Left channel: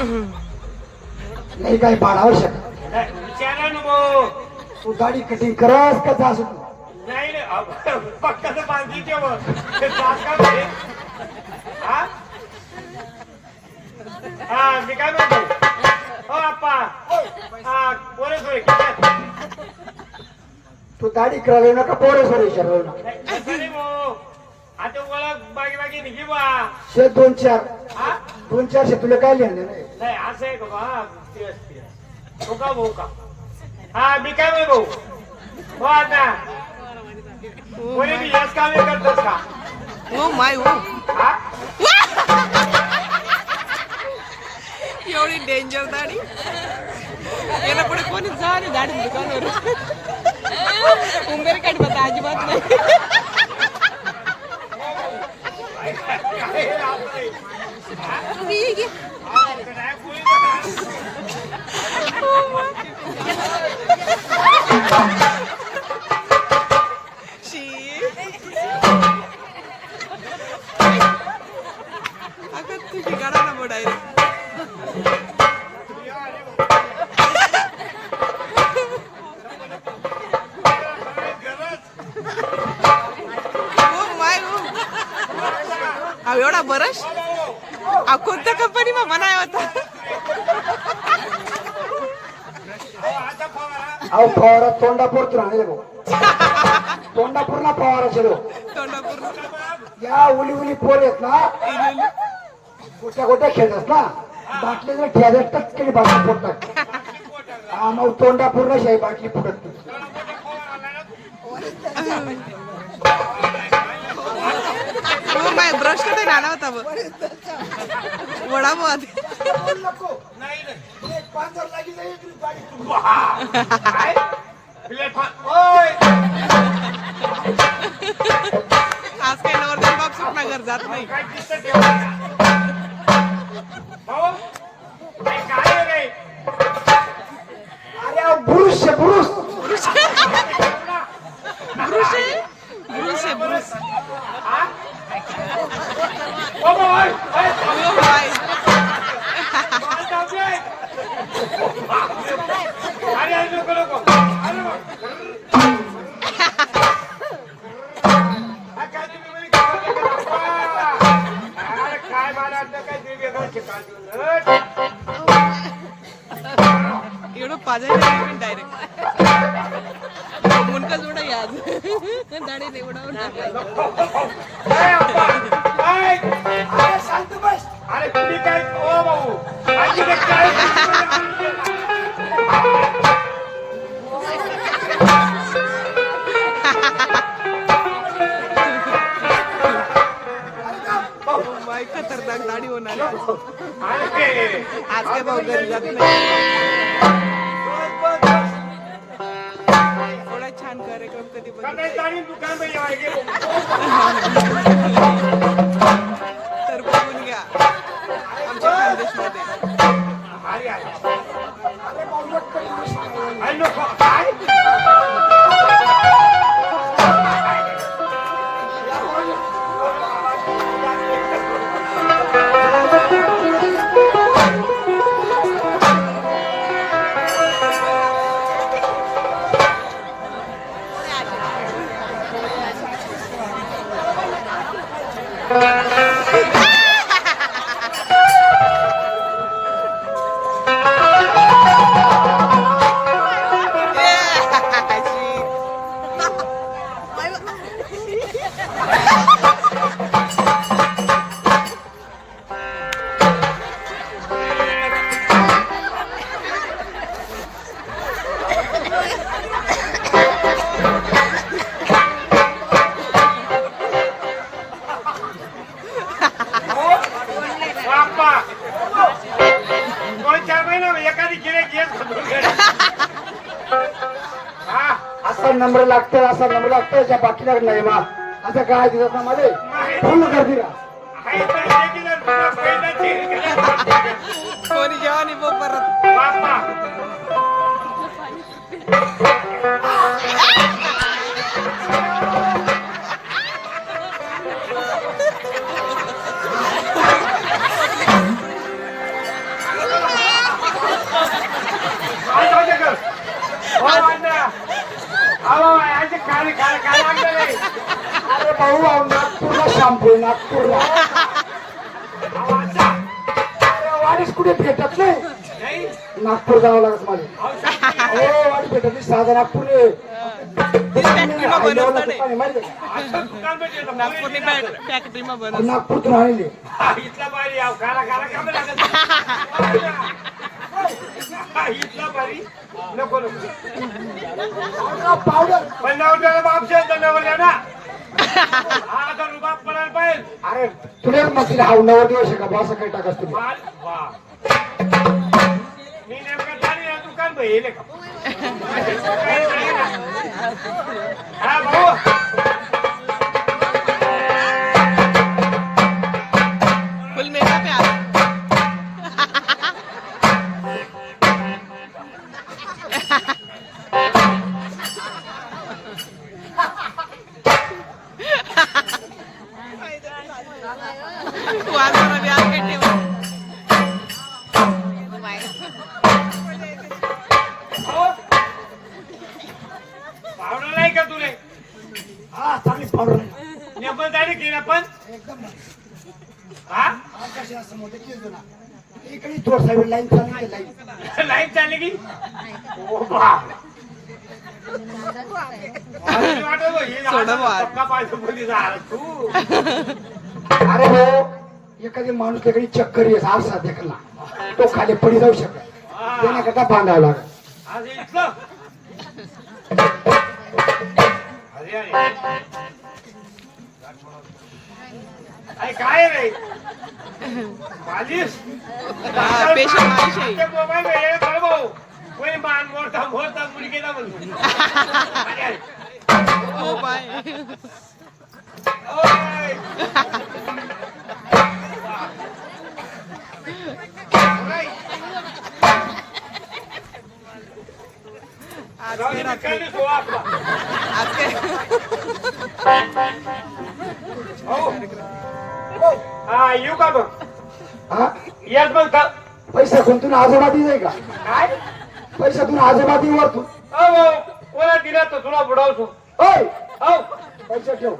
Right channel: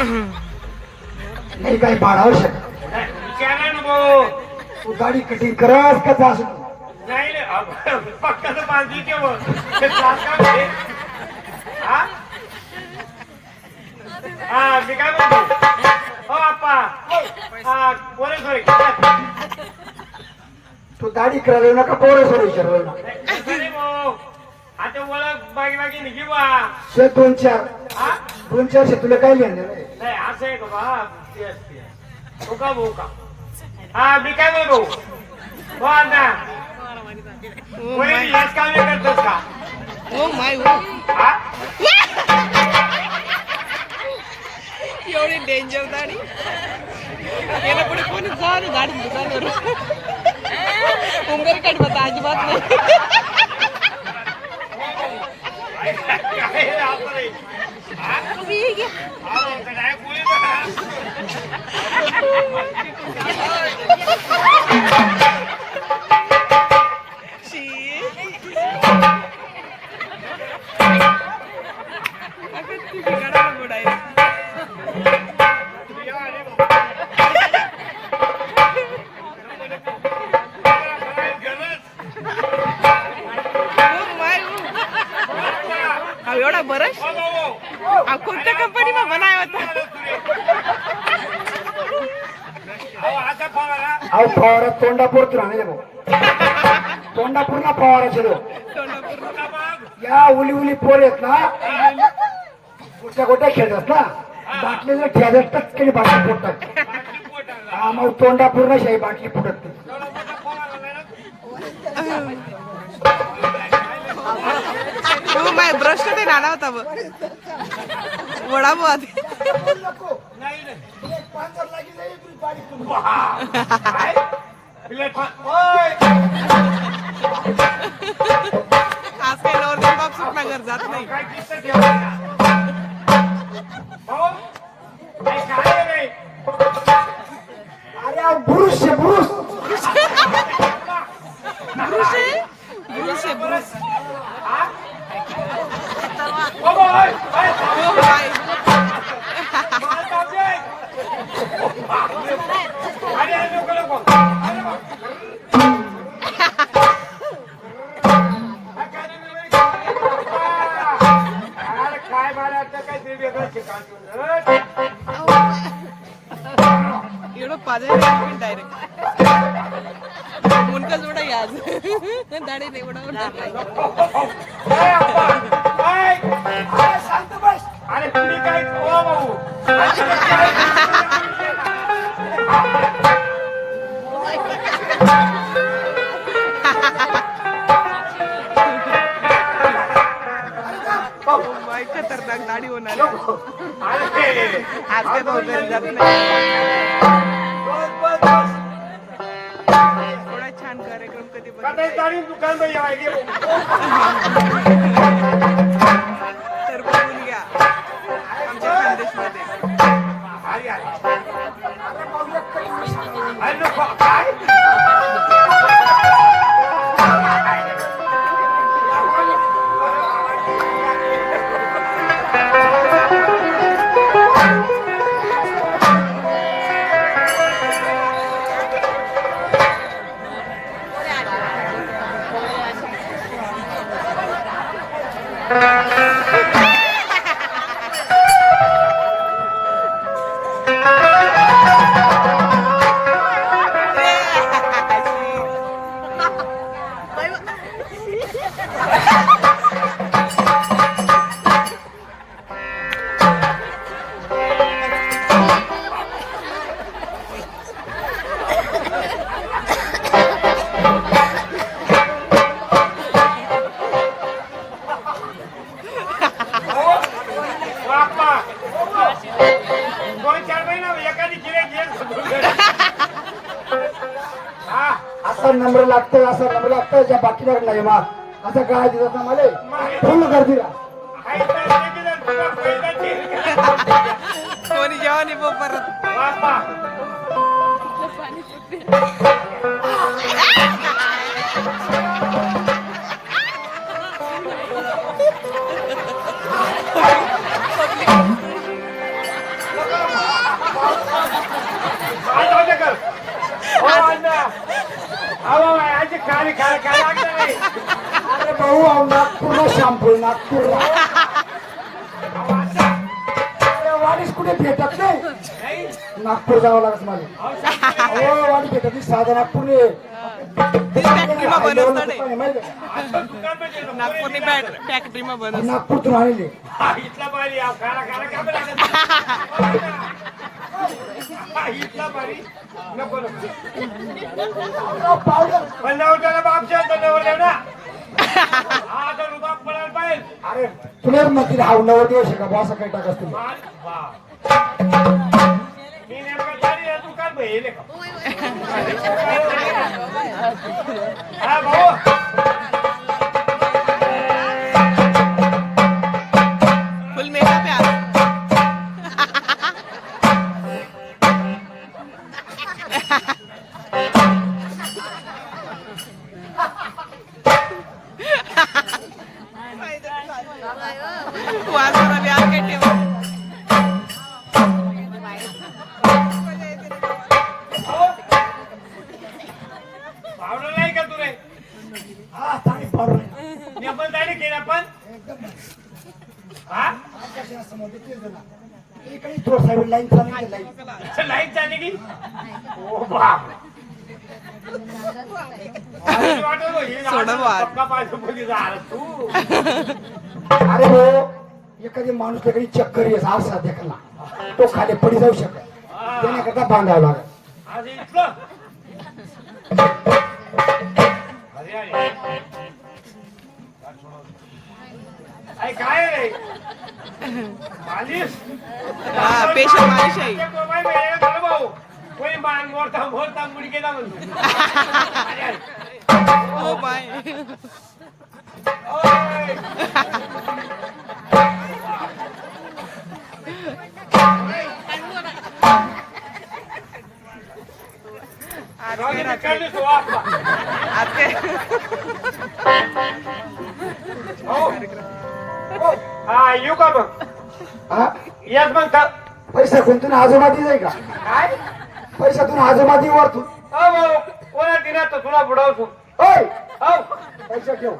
नाही काही भाडावर शकत विचारा ना भाऊ. तू दाढी कटिंग करस का जास नाही रे, पक्काचं बांधली के मग ते त्रास का म्हणजे? हा? हा, मी काय म्हणतो? हो आप्पा. हा, पोरे सॉरी. तू दाढी करायला येऊ नका पोरं सोर विचारलं नाही भाऊ. आता ओळख बागी बागी निघी बा. शे 2-4 हा? 2-4 शे तुला काय लिहिलं नाही नाही असं आहे का बा? ते असते. हो का भाऊ का? हा, मी काय म्हणतो? हो अण्णा. कोणी याच कामे करतोस का? ओ माय ओ हा? एवढी डेंजर दाढी याला पुढे कोणी जा नाही गाडी दुकानवर उंबेर काढ बता अजिबात नाही तुम्ही ये घे. शी. अगं तुम्ही काढा ना बुडाय एवढा बरस कोणत्या कंपनी मा बनाया होता अहो फवारा तोंडापूर नाही भाऊ तोंडापूर ना फवारा शिरो तोंडापूर या उली उली पोर आहेत ना गोट्या गोट्या खेळतात ना बाटलीला ठेवतच केली बाटली फोडतात मग तोंडापूर ना शाही बाटली फुटत हो माय ब्रश कटे नाना होता वडा भाऊ आधी आज काही नवरदेव बाप सुटना घर जात नाही अरे ब्रुस आहे ब्रुस ब्रुस आहे ब्रुस आहे ब्रुस ओ माय एवढं पाजायला डायरेक्ट मुनका जोडा आज दाढी नाही उडवून अरे तुम्ही काय ओ भाऊ माय खतरनाक दाढी होणार अरे आज काय भाऊ घरी जात नाही एवढा छान कार्यक्रम कधी बघितला दुकान तर बघून घ्या आमच्या खानदेशमध्ये काय नंबर लागतो असा नंबर लागतो ज्या बाकीला नाही बा असं काय दिसत ना मला फोन कर दिला कोणी जेव्हा नाही परत नागपूर शॅम्पू नागपूर वाडीस कुठे भेटत नाही नाही नागपूर जावं लागत मला अहो, शांती. हो वाडी भेटत नाही साधं नागपूर फॅक्टरीમાં बनवतो ને असं दुकान भेटेल का? નાગપુરની ફેક્ટરીમાં बनवतो नागपूरतून आणले हा, इथला बारी आव काला काला का बरं लागत? हा, इथला बारी नको नको पावडर पण नवऱ्याला बाप शेवता नवऱ्या ना हा आता रुबाब पडायला पाहिजे अरे तुला मग हाव 9 दिवस का बा असं काही टाकस तुम्ही माल वा मी नेमका जाणी दुकान बहिले का हा भाऊ फुल मेकअप आहे आज वाजवायला बी आज काय ठेवा पावडं नाही का तुले हा चांगली पावडर नेमकं जाणी केलं पण एकदम हा आकाशाला समोर तेच ना इकडे थोड साहेब लाईन चालली लाईन लाईन चालली की ओ बाप सोडव आज. तू अरे हो एखादी माणूस तिकडे चक्कर येस आरसा देखला तो खाली पडी जाऊ शकत त्याने बांधावं लागत आज इथलं अरे अरे काय रे मालिश हा पेशंट मालिश आहे मोबाईल वेळेला खरं भाऊ कोणी मान मोडता मोडता मुली केला म्हणतो अरे ओ बाय ओय. आज जाऊ काय दे, रात्री चालू ठेवा आपला. आज काय हो. हा येऊ का मग हा येस मग तर. पैसा कोणतून आजोबादी जाय का काय पैशातून आजोबादी वर तू हो कोणा दिला तर तुला बुडवतो ओय हो पैसे ठेव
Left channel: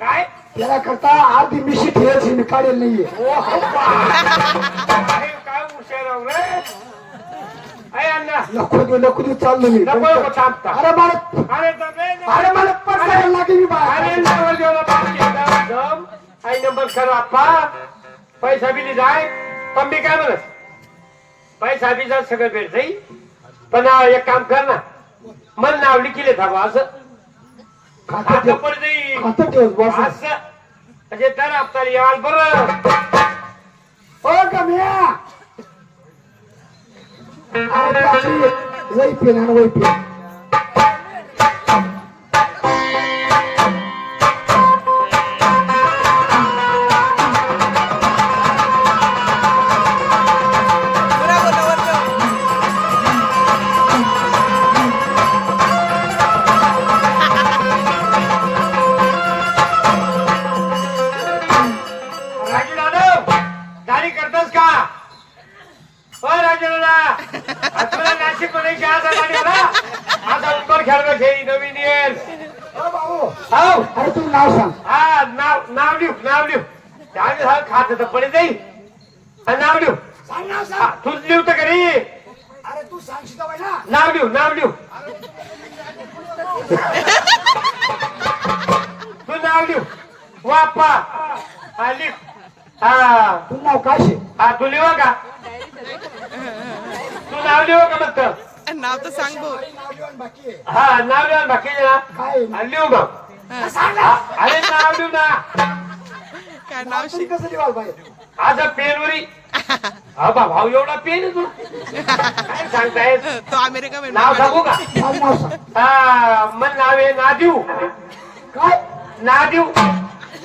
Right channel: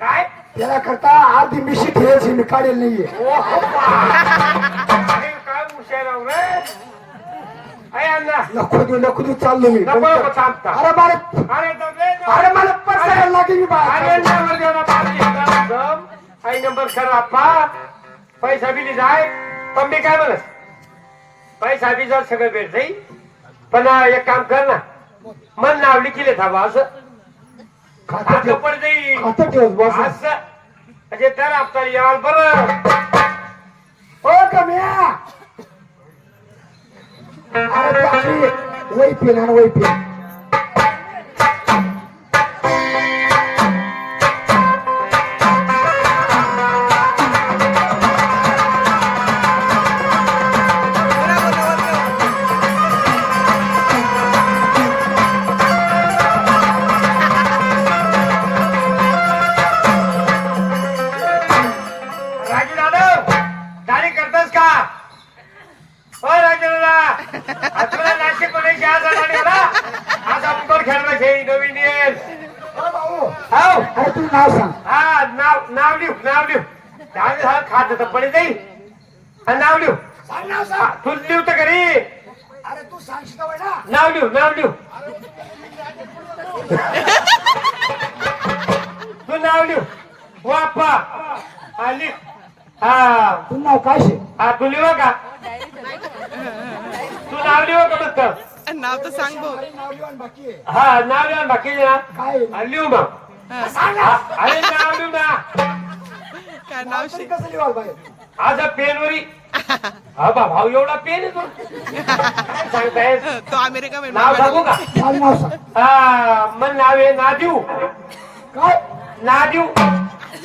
काय त्याला करता आधी मिशी ठेवायची मी काढेल नाहीये ओ, हो, बा. अरे, काय हुशार आहे रे आहे अण्णा नको देऊ चाललो मी नको नको थांबता अरे बाळ अरे दबले ना. अरे मला पैसा लागेल मी अरे बाळ नंबर देऊ ना बाप. आई नंबर कर आप्पा पैसा बी जाय पण मी काय म्हणत पैसा बी जर सगळं भेट जाईल पण एक काम कर ना मन नावली केले थांबा असं खातं आता ठेव पण जाईल खातं ठेव बस असं म्हणजे तर आपल्याला याल बरं ओ कमिया अरे बापरे वही पेन आणि वही पेन पुरा बोलावर ठेव. राजू दादा गाडी करतोस का हो राजू दादा तुला नाशिक मध्ये घ्यायचा गाडी होता आता उत्तर खेळवायचे नवीन येईल ओ भाऊ हो अरे तू नाव सांग हा नाव लिहू त्यावेळेस हा खात होता पडे जाईल हा, नाव लिहू सांग नाव हा, सांग तू लिहू तर घरी अरे तू सांगशील बाई ना नाव लिहू तू नाव लिहू वाप्पा हा लिह हा तू नाव काय शे हा तू लिहू का तू नाव लिहू का मग नाव तर सांग भाऊ नाव लिहून बाकी आहे हा नाव लिहून बाकी ना काय हा, लिहू मग हा. सांग ना अरे नाव लिहू ना काय नाव तरी शिक कसं लिहाल बाई आता पेनवरी हा बा भाऊ एवढा पेन आहे तू काय सांगताय तो अमेरिका मध्ये नाव सांगू का माझं नाव सांग हा मन नाव आहे नादिव काय नादिव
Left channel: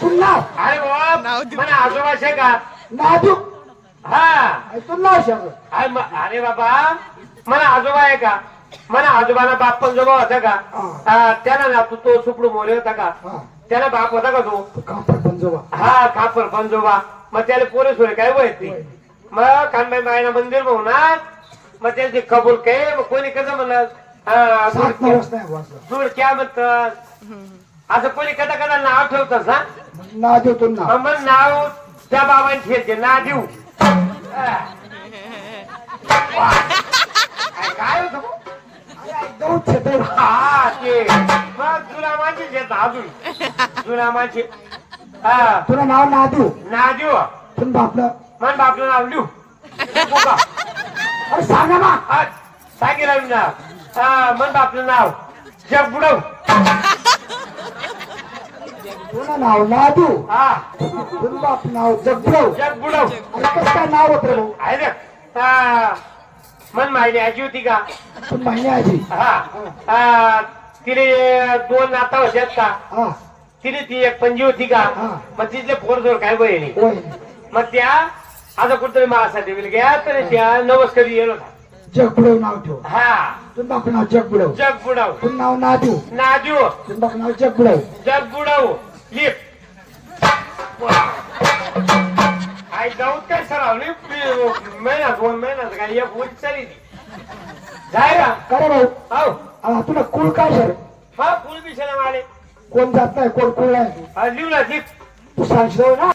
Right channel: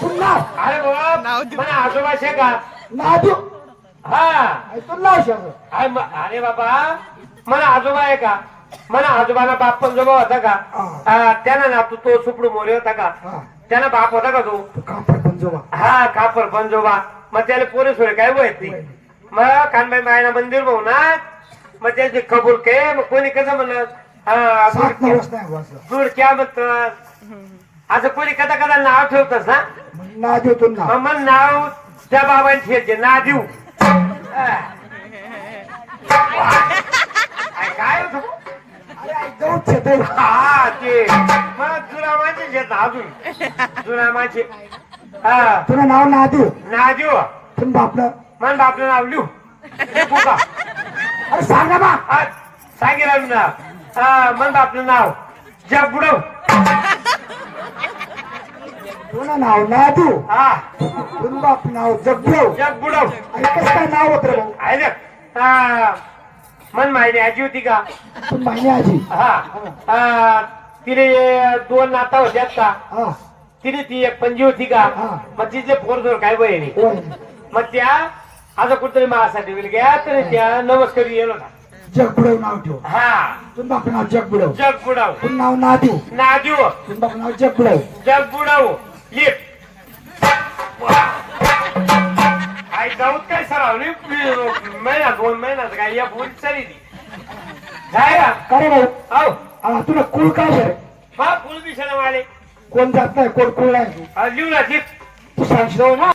तू नाव अरे बाबा नाव देऊ. मला आजोबा शे का नाव देऊ हा अरे तू नाव सांग अरे बाबा मला आजोबा आहे का मला आजोबाला बाप पंजोबा होता का त्यानं ना तो सुपडू मोरे होता का हा त्याला बाप होता का तो तू कापर पंजोबा हा खापर पंजोबा मग त्याला पोरे सोरे काय माहित नाही मग कानबाई मायना मंदिर भाऊ ना मग त्याची कबूल के मग कोणी कसं म्हणत सात नवस नाही वाचलं जुडक्या म्हणतात असं कोणी कदा कदा नाव ठेवतस ना ना देतो ना मग नाव त्या बाबांची येते ना देऊ काय होतं? जाऊ छतर हा ते मग जुना माझीच येत अजून जुना माझी हा तुला नाव ना देऊ ना देऊ पण बापलं मन आपलं नाव लिहू अरे सांग ना बा हा सांगेल ना हा मन आपलं नाव जग बुडव तुला नाव ना देऊ हा पण बाप नाव जगभव जग बुडव आणि कसं काय नाव होत रे आहे ना हा मन माहिती आजी होती का पण माहिती आजी हा तिने 2 नाता होत्यात का हा तिने ती एक पंजी होती का हा. मग तिचे पोरजोर काय बहिणी होय मग त्या आता कुठतरी माझ्यासाठी गेल घ्या तर त्या नमस्कारी गेलो जगबुडव नाव ठेव हा पण बाप नाव जगबुडव जग बुडव पण नाव ना देऊ ना देऊ पण बाप नाव जगबुडव जग बुडव लिप काय जाऊ काय सरावली महिना 2 महिन्यात काय या बोल सरी जाय करे भाऊ हो हा, तुला कुळ काय सर हा फुल विषय वाले कोण जात नाही कोण कुळ नाही लिहू ना लिप तू सांगशील ना